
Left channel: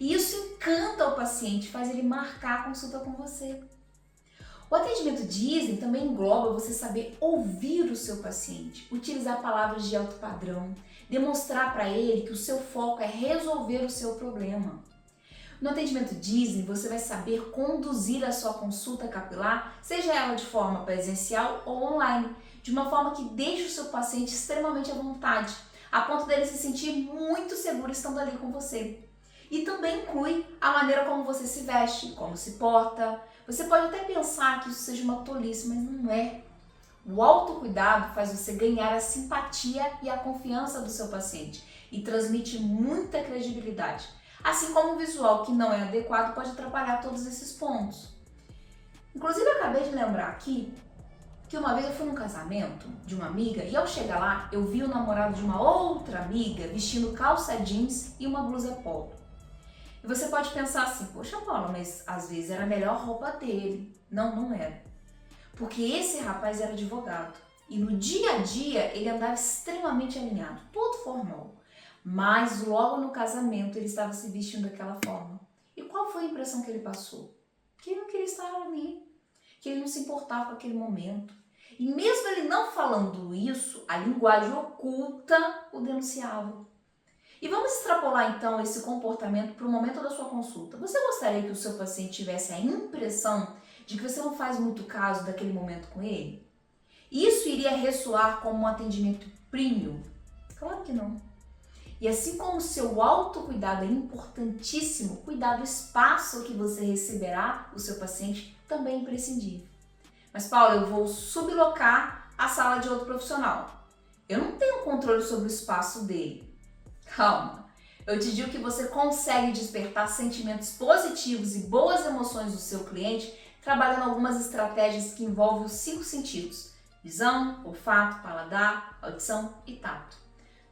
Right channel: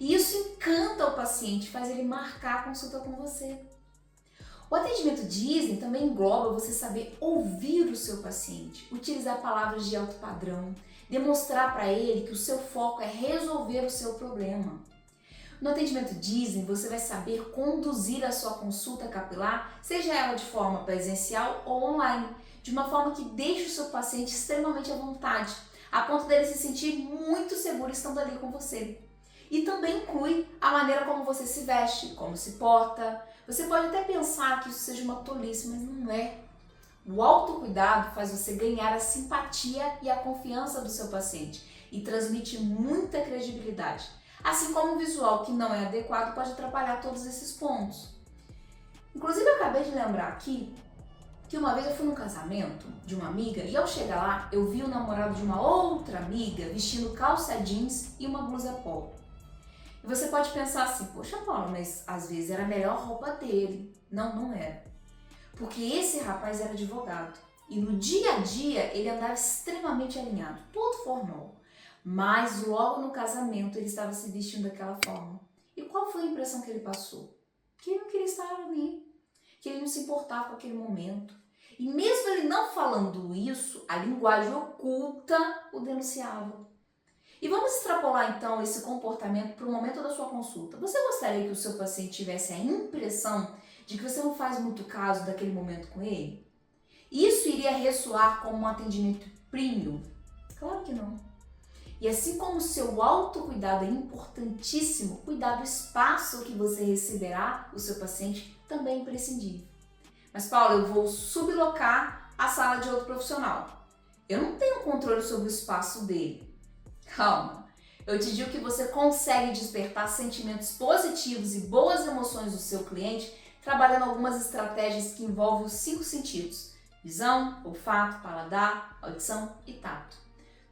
E isso encanta o paciente, faz ele marcar a consulta com você. O atendimento Disney também engloba você saber ouvir o seu paciente, utilizar palavras de alto padrão, demonstrar para ele que o seu foco é resolver o seu problema. No atendimento Disney, você vai saber conduzir a sua consulta capilar, seja ela de forma presencial ou online, de uma forma que deixe o seu paciente extremamente à vontade, a ponto dele se sentir muito seguro estando ali com você. E também inclui a maneira como você se veste, como se porta. Você pode até pensar que isso seja uma tolice, mas não é. O autocuidado faz você ganhar a simpatia e a confiança do seu paciente e transmite muita credibilidade. Assim como o visual que não é adequado pode atrapalhar todos esses pontos. Inclusive, eu acabei de lembrar aqui que uma vez eu fui num casamento de uma amiga e ao chegar lá, eu vi o namorado de uma outra amiga vestindo calça jeans e uma blusa polo. E você pode pensar assim, poxa Paula, mas às vezes era a melhor roupa dele. Não, não era. Porque esse rapaz era advogado e no dia a dia ele andava extremamente alinhado, todo formal. Mas logo no casamento ele estava se vestindo daquela forma. E qual foi a impressão que ele passou? Que ele não queria estar ali, que ele não se importava com aquele momento. E mesmo ele não falando isso, a linguagem oculta o denunciava. E vamos extrapolar então esse comportamento para o momento da sua consulta. Você gostaria que o seu paciente tivesse a impressão de que você não faz muito caso daquele momento com ele? Isso iria ressoar como um atendimento premium? Claro que não. E assim como o seu autocuidado é importantíssimo, cuidar do espaço que você receberá o seu paciente também é imprescindível. Mas Paula, eu vou sublocar a sala de outro profissional. Eu não tenho controle sobre o espaço dele. Calma, eu te digo que você consegue despertar sentimentos positivos e boas emoções do seu cliente trabalhando algumas estratégias que envolvem os 5 sentidos: visão, olfato, paladar, audição e tato.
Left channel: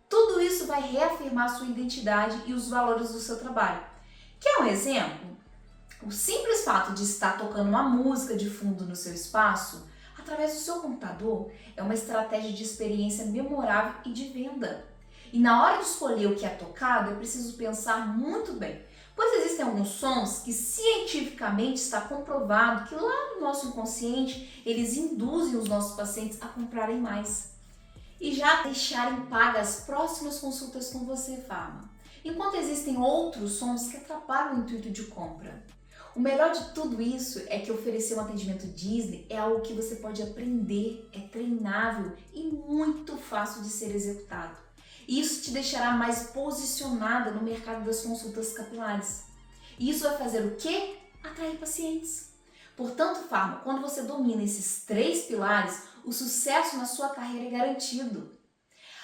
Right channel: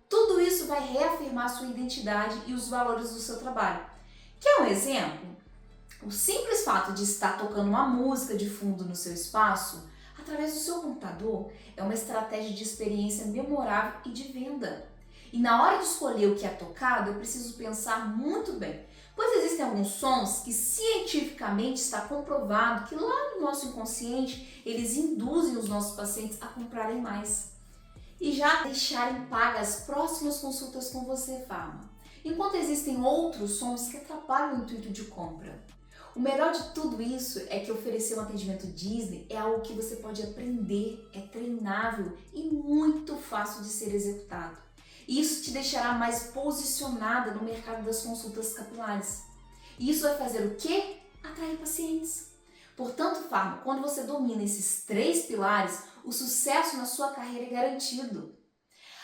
Tudo isso vai reafirmar sua identidade e os valores do seu trabalho. Quer um exemplo? O simples fato de estar tocando uma música de fundo no seu espaço, através do seu computador, é uma estratégia de experiência memorável e de venda. E na hora de escolher o que é tocado, é preciso pensar muito bem, pois existem alguns sons que cientificamente está comprovado que lá no nosso inconsciente, eles induzem os nossos pacientes a comprarem mais e já deixarem pagas as próximas consultas com você, Farma. Enquanto existem outros sons que atrapalham o intuito de compra. O melhor de tudo isso é que oferecer um atendimento Disney é algo que você pode aprender, é treinável e muito fácil de ser executado. E isso te deixará mais posicionada no mercado das consultas capilares. E isso vai fazer o quê? Atrair pacientes. Portanto, Farma, quando você domina esses 3 pilares, o sucesso na sua carreira é garantido.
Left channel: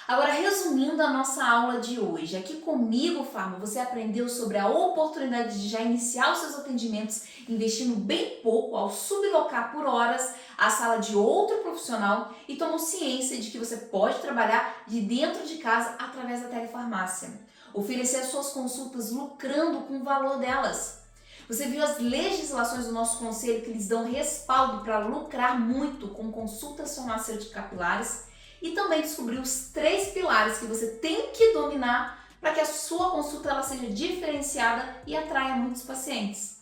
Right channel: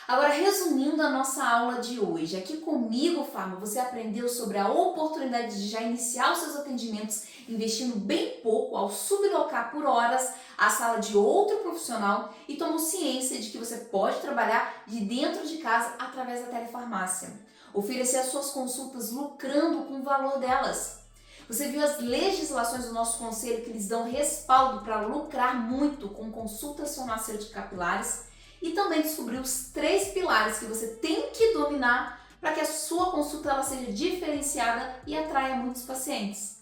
Agora, resumindo a nossa aula de hoje, aqui comigo, Farma, você aprendeu sobre a oportunidade de já iniciar os seus atendimentos investindo bem pouco ao sublocar por horas a sala de outro profissional e tomou ciência de que você pode trabalhar de dentro de casa através da telefarmácia. Oferecer as suas consultas lucrando com o valor delas. Você viu as legislações do nosso conselho que lhes dão respaldo para lucrar muito com consultas farmacêuticas capilares e também descobriu os 3 pilares que você tem que dominar para que a sua consulta ela seja diferenciada e atraia muitos pacientes.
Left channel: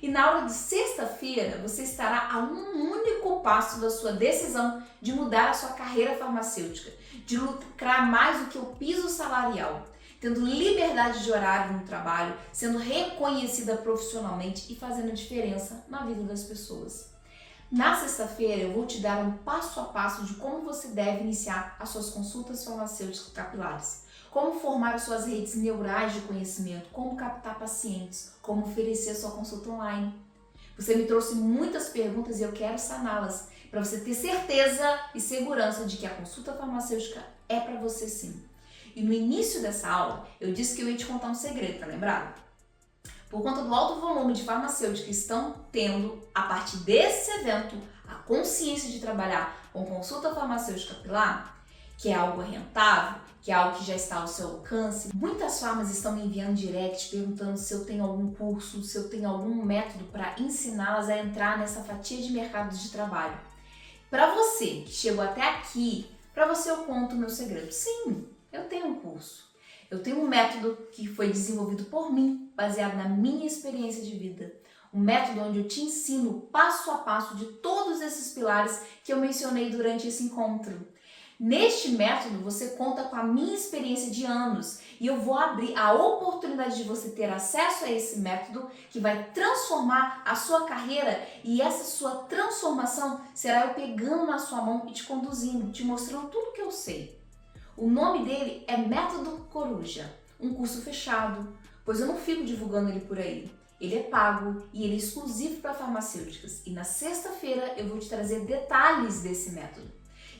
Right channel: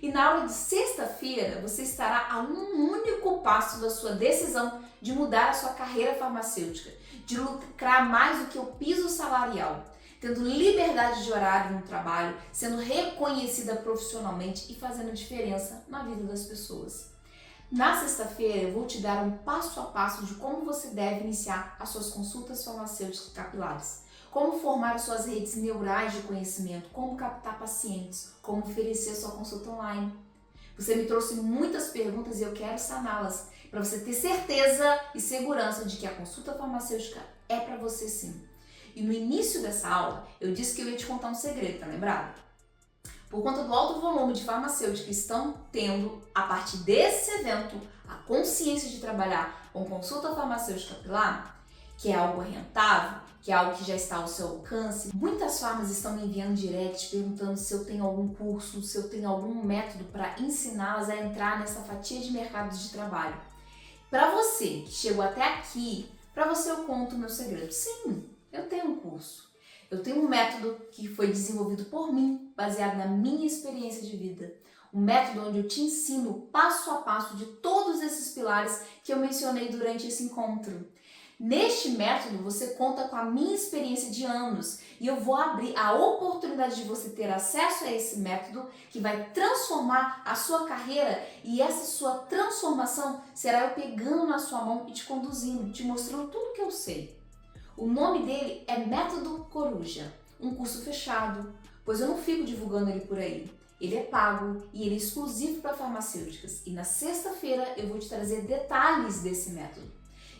E na aula de sexta-feira você estará a um único passo da sua decisão de mudar a sua carreira farmacêutica, de lucrar mais do que o piso salarial, tendo liberdade de horário no trabalho, sendo reconhecida profissionalmente e fazendo diferença na vida das pessoas. Na sexta-feira eu vou te dar um passo a passo de como você deve iniciar as suas consultas farmacêuticas capilares, como formar as suas redes neurais de conhecimento, como captar pacientes, como oferecer sua consulta online. Você me trouxe muitas perguntas e eu quero saná-las, para você ter certeza e segurança de que a consulta farmacêutica é para você sim. E no início dessa aula, eu disse que eu ia te contar um segredo, tá lembrado? Por conta do alto volume de farmacêuticos que estão tendo, a partir desse evento, a consciência de trabalhar com consulta farmacêutica capilar, que é algo rentável, que é algo que já está ao seu alcance, muitas farmas estão me enviando direct perguntando se eu tenho algum curso, se eu tenho algum método para ensiná-las a entrar nessa fatia de mercado de trabalho. Para você que chegou até aqui, para você eu conto o meu segredo. Sim, eu tenho um curso. Eu tenho um método que foi desenvolvido por mim, baseado na minha experiência de vida. Um método onde eu te ensino passo a passo de todos esses pilares que eu mencionei durante esse encontro. Neste método, você conta com a minha experiência de anos e eu vou abrir a oportunidade de você ter acesso a esse método que vai transformar a sua carreira e essa sua transformação será eu pegando na sua mão e te conduzindo, te mostrando tudo que eu sei. O nome dele é Método Coruja, um curso fechado, pois eu não fico divulgando ele por aí. Ele é pago e ele é exclusivo para farmacêuticas e na sexta-feira eu vou te trazer detalhes desse método.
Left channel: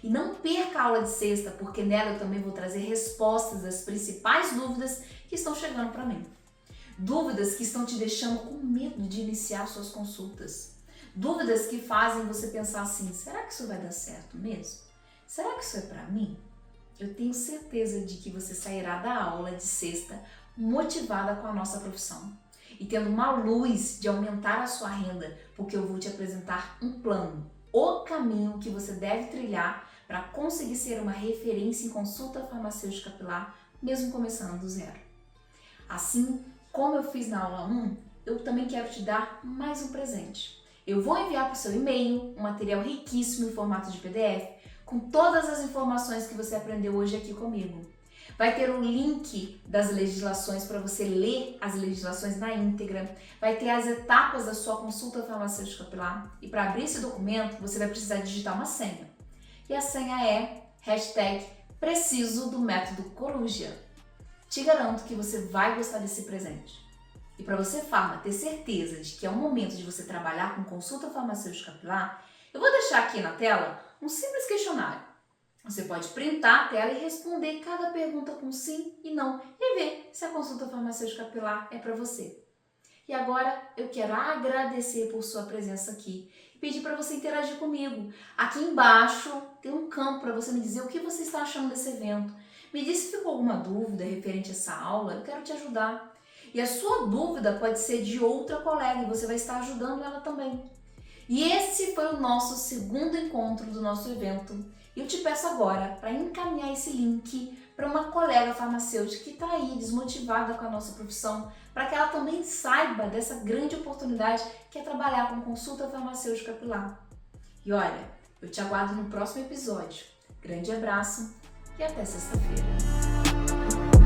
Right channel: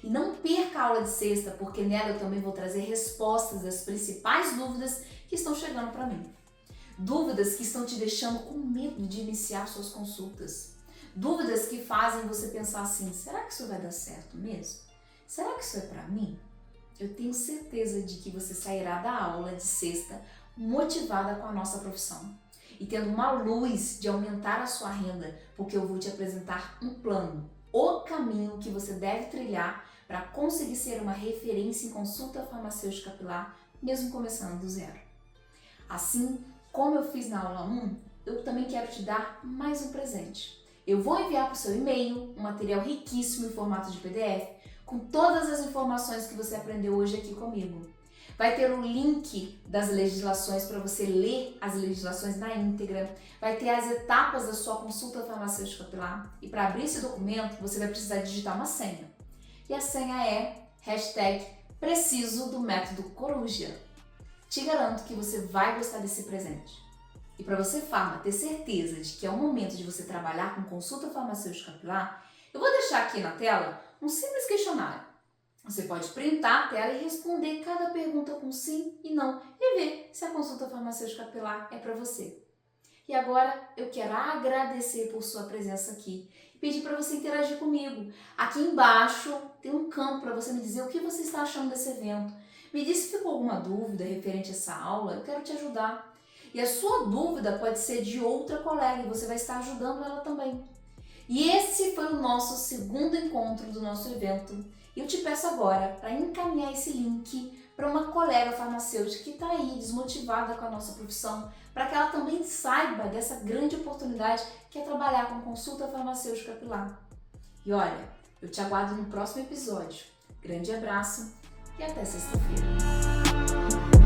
E não perca a aula de sexta, porque nela eu também vou trazer respostas das principais dúvidas que estão chegando para mim. Dúvidas que estão te deixando com medo de iniciar suas consultas. Dúvidas que fazem você pensar assim, será que isso vai dar certo mesmo? Será que isso é para mim? Eu tenho certeza de que você sairá da aula de sexta motivada com a nossa profissão e tendo uma luz de aumentar a sua renda, porque eu vou te apresentar um plano, o caminho que você deve trilhar para conseguir ser uma referência em consulta farmacêutica capilar, mesmo começando do zero. Assim como eu fiz na aula 1, eu também quero te dar mais um presente. Eu vou enviar para o seu e-mail um material riquíssimo em formato de PDF, com todas as informações que você aprendeu hoje aqui comigo. Vai ter o link das legislações para você ler as legislações na íntegra, vai ter as etapas da sua consulta farmacêutica capilar e para abrir esse documento você vai precisar digitar uma senha. E a senha é #preciso do método Coruja. Te garanto que você vai gostar desse presente. E para você, farma, ter certeza de que é o momento de você trabalhar com consulta farmacêutica capilar, eu vou deixar aqui na tela um simples questionário. Você pode printar a tela e responder cada pergunta com sim e não e ver se a consulta farmacêutica capilar é para você. E agora eu quero agradecer por sua presença aqui e pedir para você interagir comigo. Aqui embaixo tem um campo para você me dizer o que você está achando desse evento. Me diz se ficou alguma dúvida referente a essa aula, eu quero te ajudar. E a sua dúvida pode ser de outra colega e você vai estar ajudando ela também. E esse foi o nosso segundo encontro do nosso evento. Eu te peço agora para encaminhar esse link para uma colega farmacêutica que está aí desmotivada com a nossa profissão, para que ela também saiba dessa grande oportunidade que é trabalhar com consulta farmacêutica capilar. E olha, eu te aguardo no próximo episódio. Grande abraço e até sexta-feira.